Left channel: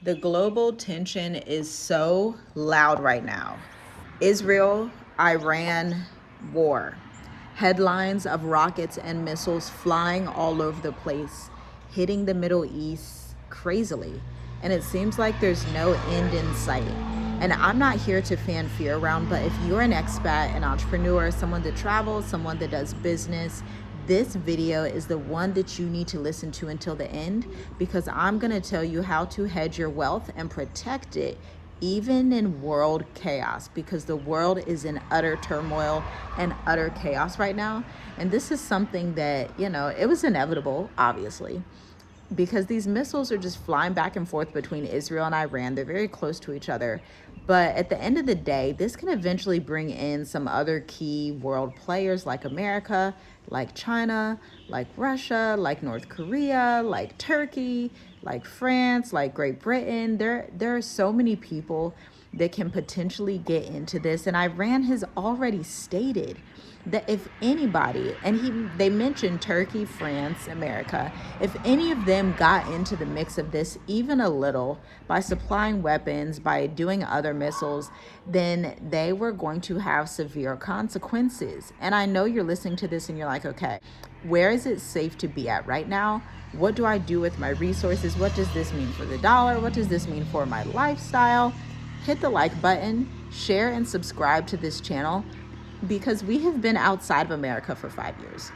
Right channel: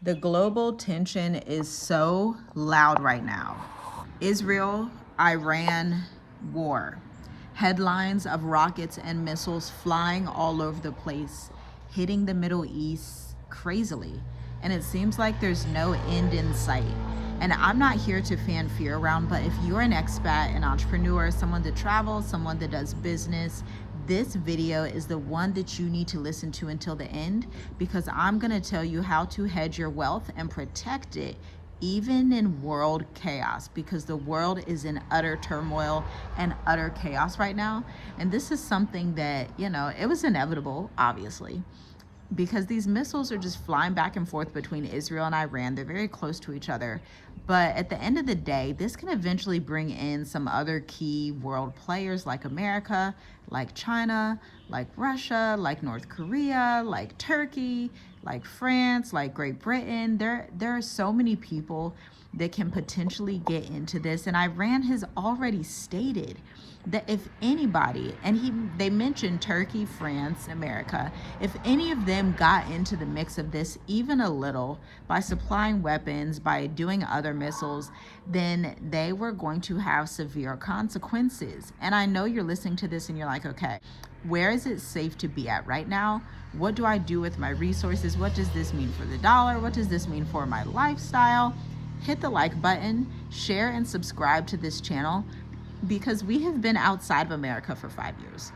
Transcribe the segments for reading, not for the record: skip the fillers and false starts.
The global tension is so loud right now. Israel, Iran war. Headlines of rockets and missiles flying all over the place, hitting the Middle East crazily. And it seems like there's no end in sight. And I'm not here to fan fear around, but if you're an expat, an entrepreneur, someone that travels, someone that does business, this video is the one that you need to listen to until the end, because I'm going to tell you how to hedge your wealth and protect it even in world chaos, because the world is in utter turmoil and utter chaos right now. And this is something that, it was inevitable, obviously, because these missiles are just flying back and forth between Israel and Iran. They're very close to each other. But at the end of the day, this can eventually bring in some other key world players like America, like China, like Russia, like North Korea, like Turkey, like France, like Great Britain. There are so many people that can potentially get into this. And Iran has already stated that if anybody, and they mentioned Turkey, France, America, if any of them got into the mix of this even a little by supplying weapons, by doing other missiles, then they were going to have severe consequences. And I know you're listening to this and you're like, okay, where is it safe to be at right now? What do I do with my resources? What does this mean for the dollar? What does this mean for my lifestyle? Hit the like button, share and subscribe to this channel, because we have been outside of America for 5 years.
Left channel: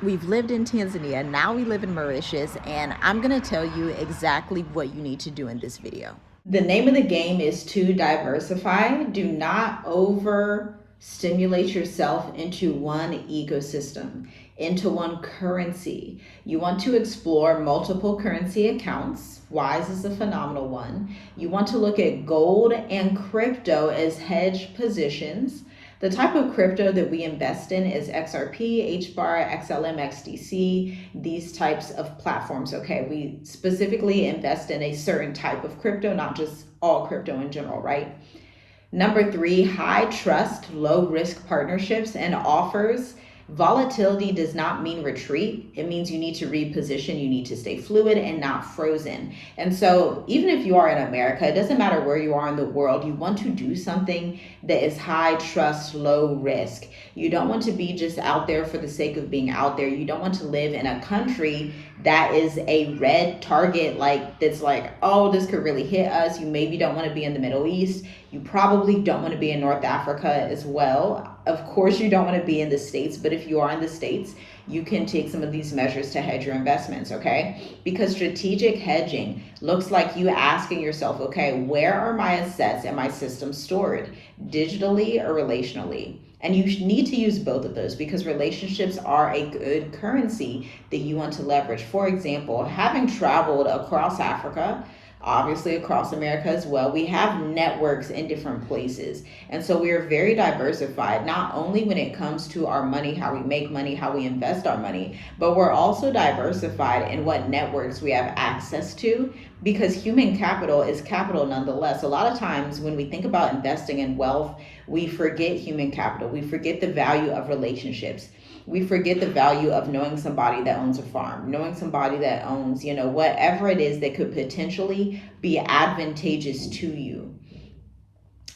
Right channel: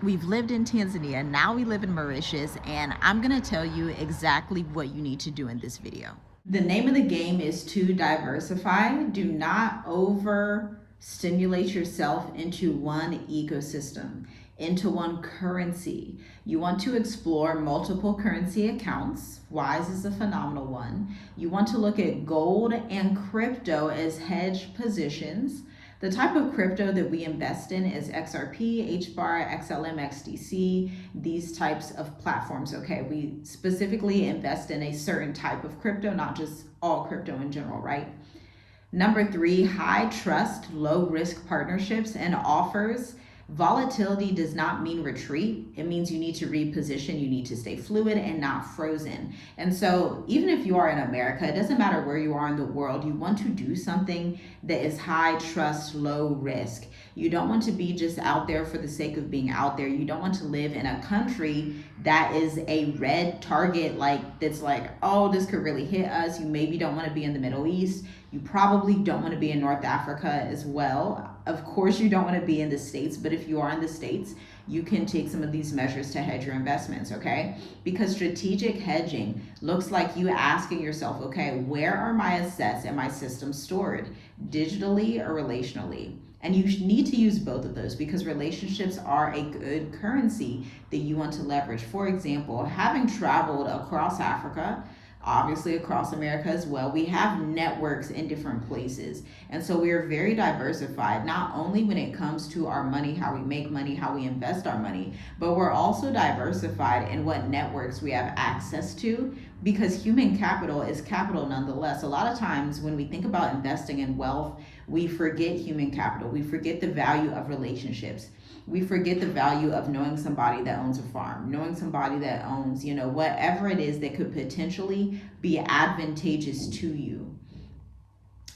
We've lived in Tanzania, now we live in Mauritius, and I'm gonna tell you exactly what you need to do in this video. The name of the game is to diversify. Do not overstimulate yourself into one ecosystem, into one currency. You want to explore multiple currency accounts. Wise is a phenomenal one. You want to look at gold and crypto as hedge positions. The type of crypto that we invest in is XRP, HBAR, XLM, XDC, these types of platforms, okay? We specifically invest in a certain type of crypto, not just all crypto in general, right? Number 3, high trust, low risk partnerships and offers. Volatility does not mean retreat. It means you need to reposition, you need to stay fluid and not frozen. And so even if you are in America, it doesn't matter where you are in the world, you want to do something that is high trust, low risk. You don't want to be just out there for the sake of being out there. You don't want to live in a country that is a red target, like that's like, oh, this could really hit us. You maybe don't want to be in the Middle East. You probably don't want to be in North Africa as well. Of course, you don't want to be in the States, but if you are in the States, you can take some of these measures to hedge your investments, okay? Because strategic hedging looks like you asking yourself, okay, where are my assets and my systems stored, digitally or relationally? And you need to use both of those, because relationships are a good currency that you want to leverage. For example, having traveled across Africa, obviously across America as well, we have networks in different places. And so we are very diversified, not only when it comes to our money, how we make money, how we invest our money, but we're also diversified in what networks we have access to, because human capital is capital nonetheless. A lot of times when we think about investing in wealth, we forget human capital. We forget the value of relationships. We forget the value of knowing somebody that owns a farm, knowing somebody that owns, whatever it is that could potentially be advantageous to you.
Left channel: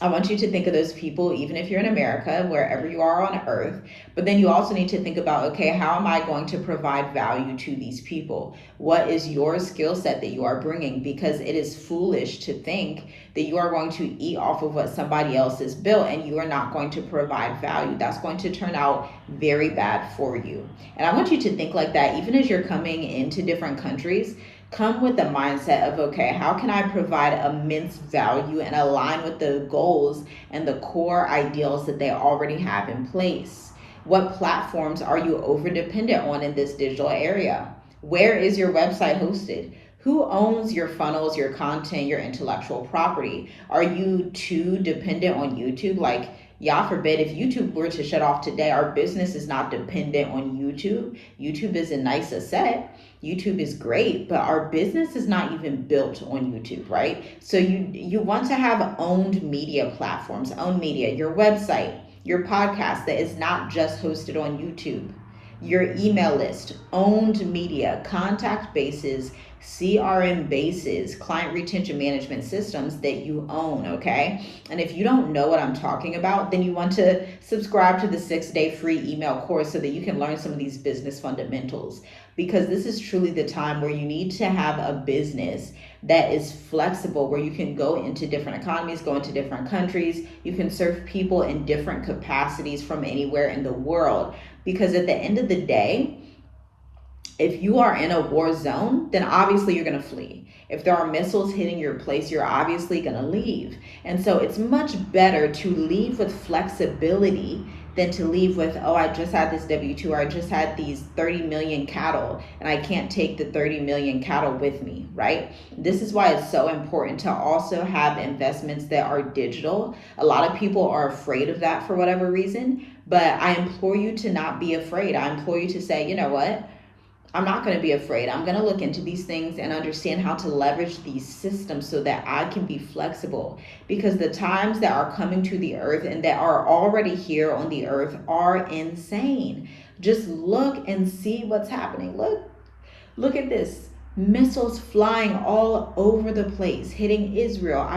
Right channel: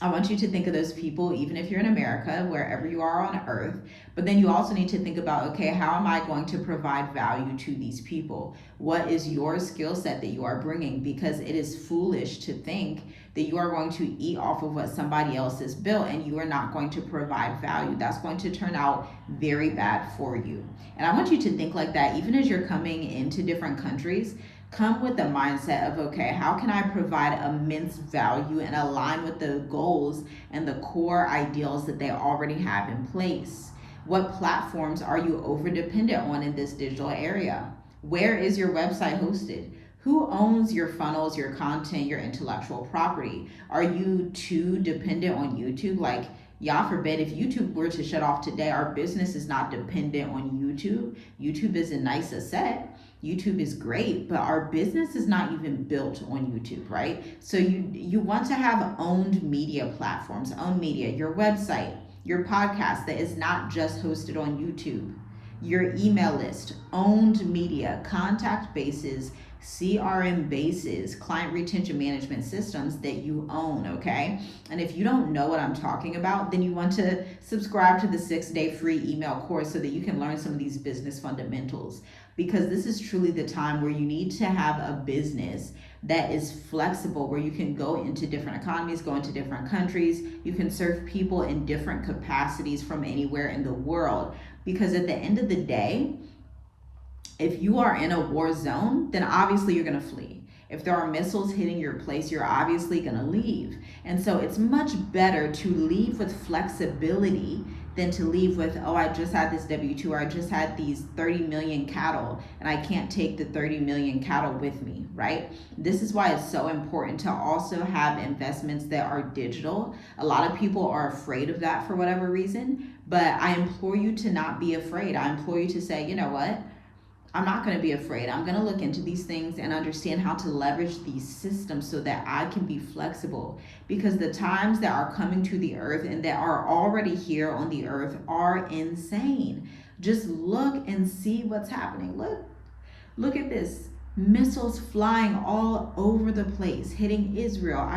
I want you to think of those people, even if you're in America, wherever you are on earth. But then you also need to think about, okay, how am I going to provide value to these people? What is your skill set that you are bringing? Because it is foolish to think that you are going to eat off of what somebody else has built and you are not going to provide value. That's going to turn out very bad for you. And I want you to think like that, even as you're coming into different countries. Come with the mindset of, okay, how can I provide immense value and align with the goals and the core ideals that they already have in place? What platforms are you over dependent on in this digital area? Where is your website hosted? Who owns your funnels, your content, your intellectual property? Are you too dependent on YouTube? Like, God forbid, if YouTube were to shut off today, our business is not dependent on YouTube. YouTube is a nice asset. YouTube is great, but our business is not even built on YouTube, right? So you want to have owned media platforms, owned media, your website, your podcast that is not just hosted on YouTube. your email list, owned media, contact bases, CRM bases, client retention management systems that you own, okay? And if you don't know what I'm talking about, then you want to subscribe to the 6-day free email course so that you can learn some of these business fundamentals, because this is truly the time where you need to have a business that is flexible, where you can go into different economies, go into different countries, you can serve people in different capacities from anywhere in the world. Because at the end of the day, if you are in a war zone, then obviously you're going to flee. If there are missiles hitting your place, you're obviously going to leave. And so it's much better to leave with flexibility than to leave with, oh, I just had this W-2, or I just had these 30 million cattle and I can't take the 30 million cattle with me, right? This is why it's so important to also have investments that are digital. A lot of people are afraid of that for whatever reason, but I implore you to not be afraid. I implore you to say, you know what? I'm not going to be afraid. I'm going to look into these things and understand how to leverage these systems so that I can be flexible. Because the times that are coming to the earth and that are already here on the earth are insane. Just look and see what's happening. Look at this. Missiles flying all over the place, hitting Israel,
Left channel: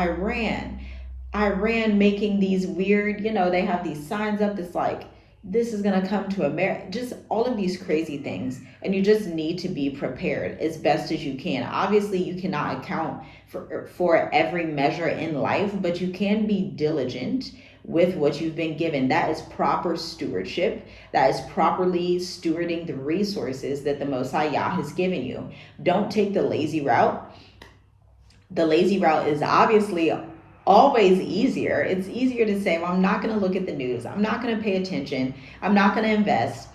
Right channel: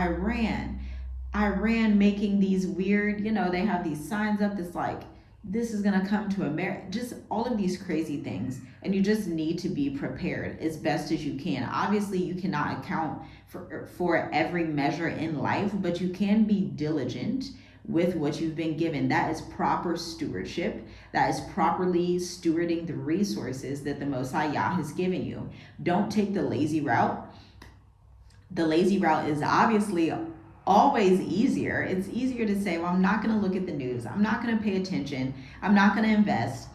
Iran making these weird, they have these signs up that's like, this is going to come to America, just all of these crazy things. And you just need to be prepared as best as you can. Obviously, you cannot account for every measure in life, but you can be diligent with what you've been given. That is proper stewardship. That is properly stewarding the resources that the Most High Yah has given you. Don't take the lazy route. The lazy route is obviously always easier. It's easier to say, well, I'm not going to look at the news. I'm not going to pay attention. I'm not going to invest.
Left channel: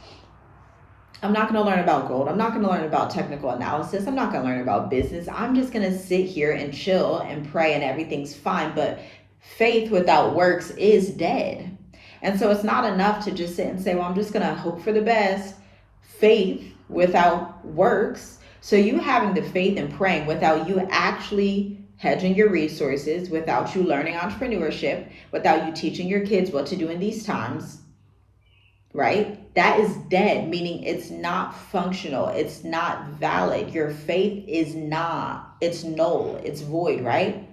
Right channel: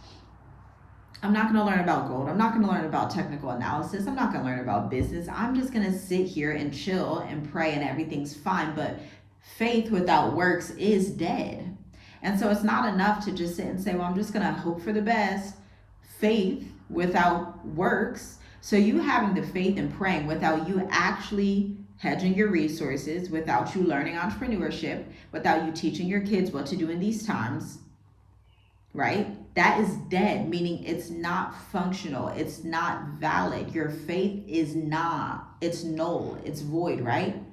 I'm not going to learn about gold. I'm not going to learn about technical analysis. I'm not going to learn about business. I'm just going to sit here and chill and pray and everything's fine. But faith without works is dead. And so it's not enough to just sit and say, well, I'm just going to hope for the best. Faith without works. So you having the faith and praying without you actually hedging your resources, without you learning entrepreneurship, without you teaching your kids what to do in these times, right? That is dead, meaning it's not functional. It's not valid. Your faith is not, it's null, it's void, right?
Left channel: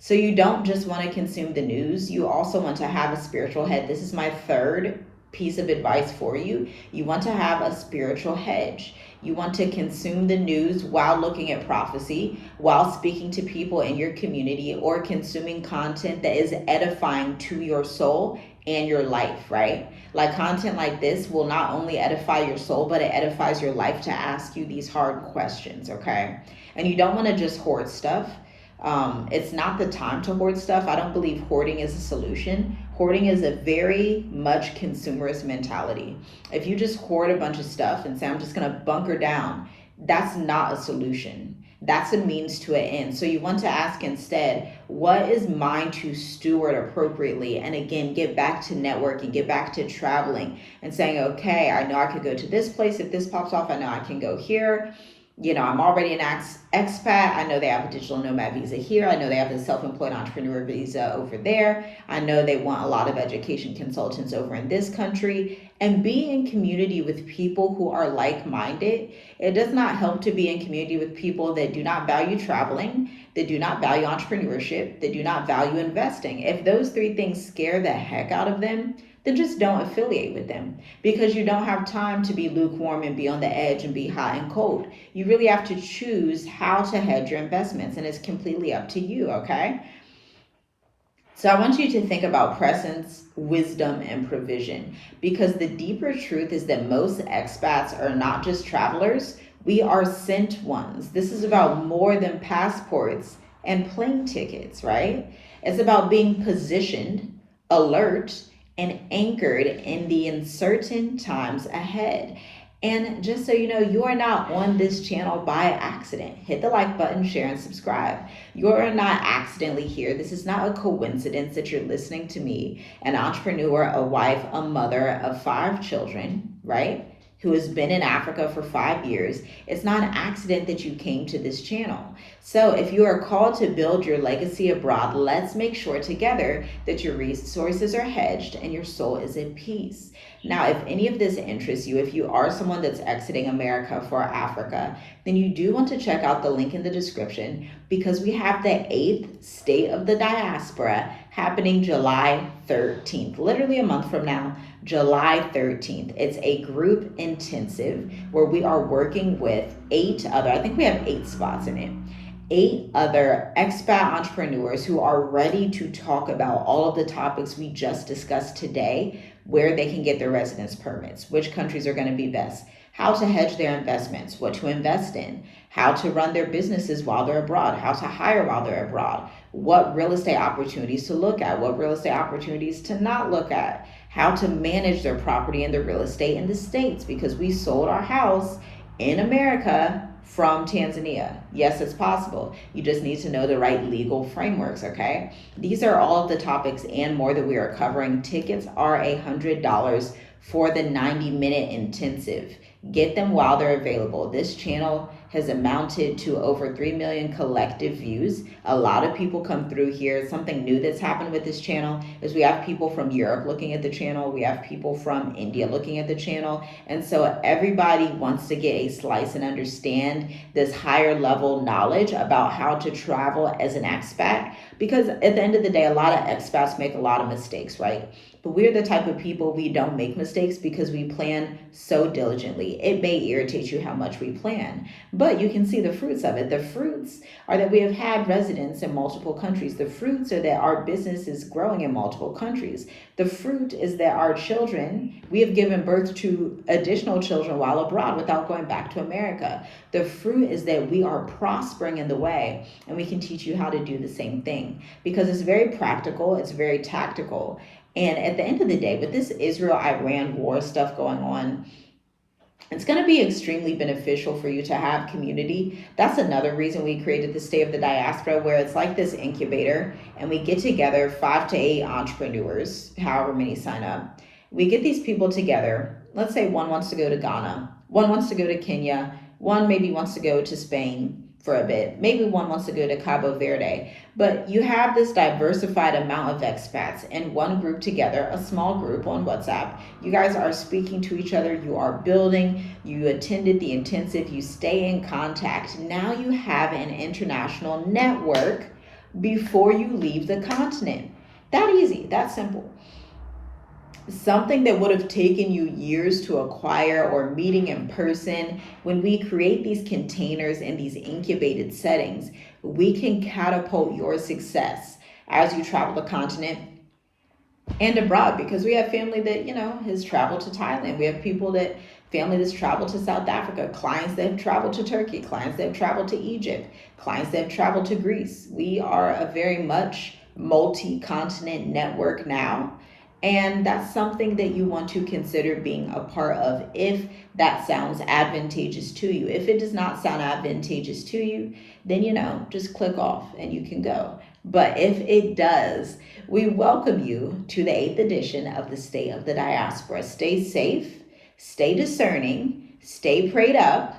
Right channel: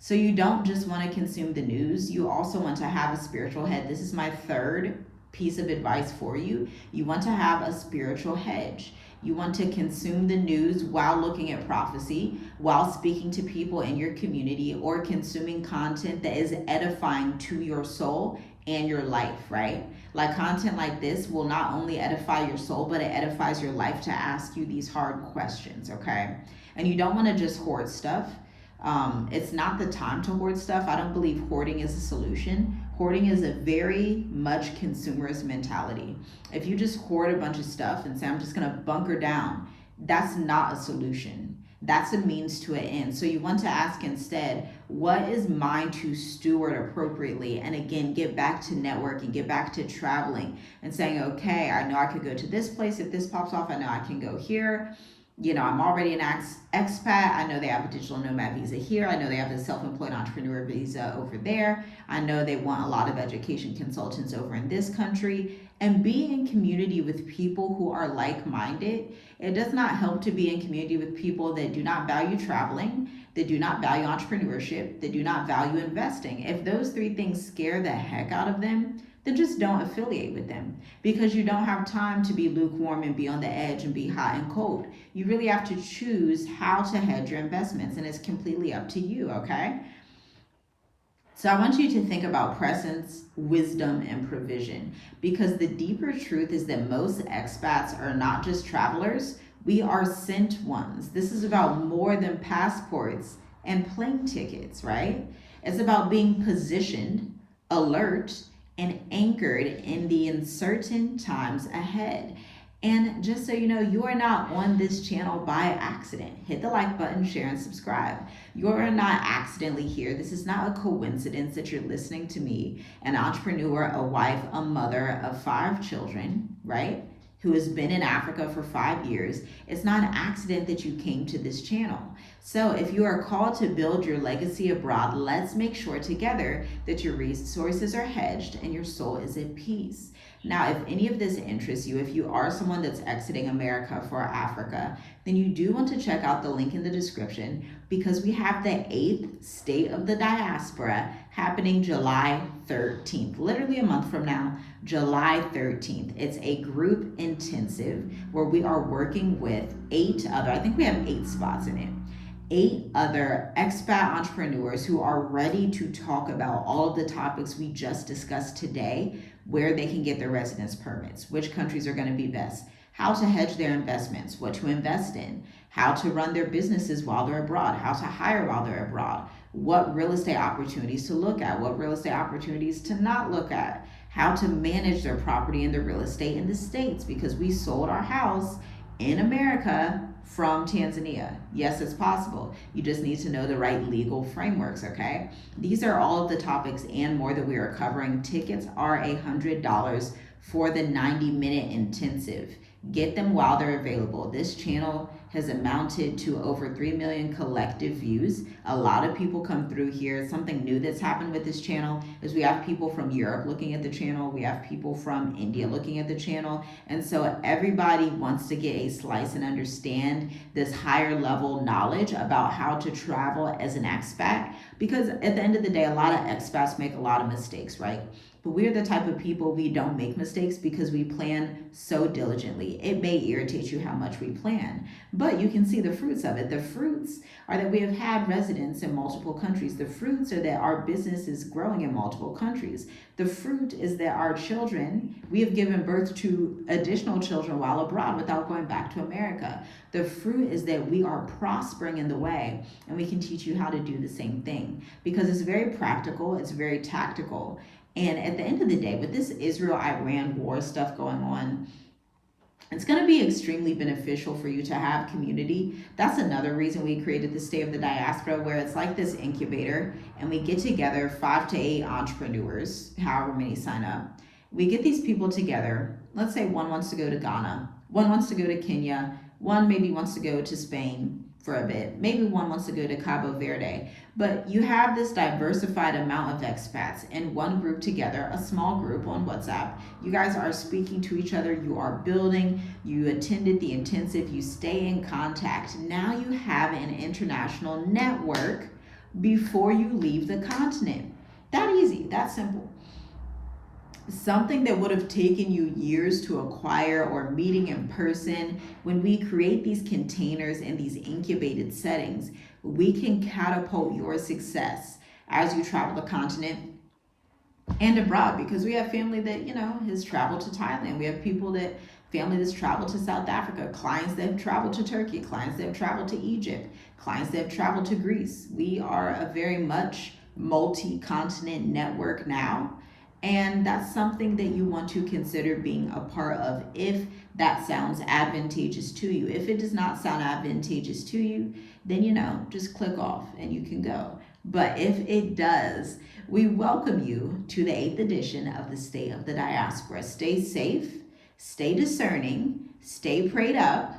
So you don't just want to consume the news. You also want to have a spiritual head. This is my third piece of advice for you. You want to have a spiritual hedge. You want to consume the news while looking at prophecy, while speaking to people in your community, or consuming content that is edifying to your soul and your life, right? Like content like this will not only edify your soul, but it edifies your life to ask you these hard questions, okay? And you don't want to just hoard stuff. It's not the time to hoard stuff. I don't believe hoarding is a solution. Hoarding is a very much consumerist mentality. If you just hoard a bunch of stuff and say, I'm just going to bunker down, that's not a solution. That's a means to an end. So you want to ask instead, what is mine to steward appropriately? And again, get back to networking, get back to traveling and saying, okay, I know I could go to this place. If this pops off, I know I can go here. I'm already an expat. I know they have a digital nomad visa here. I know they have the self-employed entrepreneur visa over there. I know they want a lot of education consultants over in this country. And be in community with people who are like-minded. It does not help to be in community with people that do not value traveling, that do not value entrepreneurship, that do not value investing. If those three things scare the heck out of them, then just don't affiliate with them, because you don't have time to be lukewarm and be on the edge and be hot and cold. You really have to choose how to hedge your investments, and it's completely up to you, okay? So I want you to think about presence, wisdom, and provision, because the deeper truth is that most expats are not just travelers. We are sent ones. This is about more than passports and plane tickets, right? It's about being positioned, alert, and anchored in the uncertain times ahead. And just so you know, you are not on this channel by accident. Hit the like button, share, and subscribe. You are not accidentally here. This is not a coincidence that you're listening to me, an entrepreneur, a wife, a mother of 5 children, right? who has been in Africa for 5 years. It's not an accident that you came to this channel. So if you are called to build your legacy abroad, let's make sure together that your resources are hedged and your soul is at peace. Now, if any of this interests you, if you are someone that's exiting America for Africa, then you do want to check out the link in the description, because we have the 8th State of the Diaspora happening July 13th, literally a month from now, July 13th. It's a group intensive where we are working with 8 other, I think we have 8 spots in it, 8 other expat entrepreneurs who are ready to talk about all of the topics we just discussed today, where they can get their residence permits, which countries are going to be best, how to hedge their investments, what to invest in, how to run their businesses while they're abroad, how to hire while they're abroad, what real estate opportunities to look at, what real estate opportunities to not look at, how to manage their property and their real estate in the States, because we sold our house in America from Tanzania. Yes, it's possible. You just need to know the right legal frameworks, okay? These are all of the topics and more that we are covering. Tickets are $100 for the 90-minute intensive. Get them while they're available. This channel has amounted to over 3 million collective views. A lot of people come through here. Something new that's happened with this channel is we have people from Europe looking at the channel. We have people from India looking at the channel. And so everybody wants to get a slice and understand this higher level knowledge about how to travel as an expat. Because at the end of the day, a lot of expats make a lot of mistakes, right? But we're the type of people, we don't make mistakes because we plan so diligently. It may irritate you how much we plan, but you can see the fruits of it. The fruits are that we have had residents in multiple countries. The fruits are that our business is growing in multiple countries. The fruit is that our children, we have given birth to additional children while abroad without going back to America. The fruit is that we are prospering in the way, and we can teach you how to do the same thing, because it's very practical, it's very tactical. And at the end of the day, with this Israel-Iran war stuff going on, it's going to be extremely beneficial for you to have community. That's another reason we created the State of the Diaspora, where it's like this incubator, and we get together 5 to 8 entrepreneurs, however many sign up. We get these people together. Let's say one wants to go to Ghana, one wants to go to Kenya, one maybe wants to go to Spain for a bit. Maybe one wants to go to Cabo Verde. But you have this diversified amount of expats in one group together, a small group on WhatsApp. You guys are speaking to each other, you are building, you attended the intensive, you stay in contact. Now you have an international network before you leave the continent. That easy, that simple. Something that would have taken you years to acquire or meeting in person, when we create these containers and these incubated settings, we can catapult your success as you travel the continent and abroad, because we have family that, has traveled to Thailand. We have family that's traveled to South Africa, clients that have traveled to Turkey, clients that have traveled to Egypt, clients that have traveled to Greece. We are a very much multi-continent network now. And that's something that you want to consider being a part of, if that sounds advantageous to you. If it does not sound advantageous to you, then, just click off and you can go. But if it does, we welcome you to the 8th edition of the State of the Diaspora. Stay safe, stay discerning, stay prayed up,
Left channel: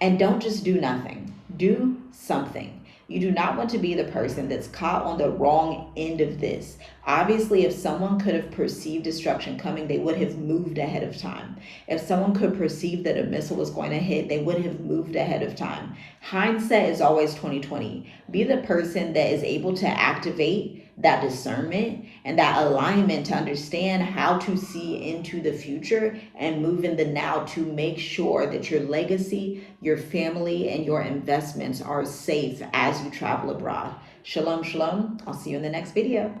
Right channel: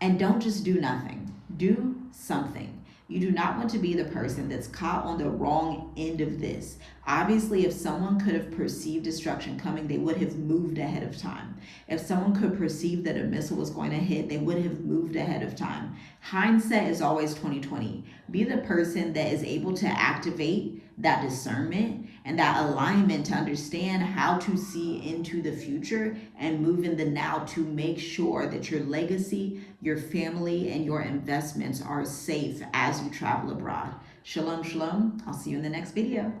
and don't just do nothing. Do something. You do not want to be the person that's caught on the wrong end of this. Obviously, if someone could have perceived destruction coming, they would have moved ahead of time. If someone could perceive that a missile was going to hit, they would have moved ahead of time. Hindsight is always 20/20. Be the person that is able to activate that discernment and that alignment to understand how to see into the future and move in the now, to make sure that your legacy, your family, and your investments are safe as you travel abroad. Shalom, shalom. I'll see you in the next video.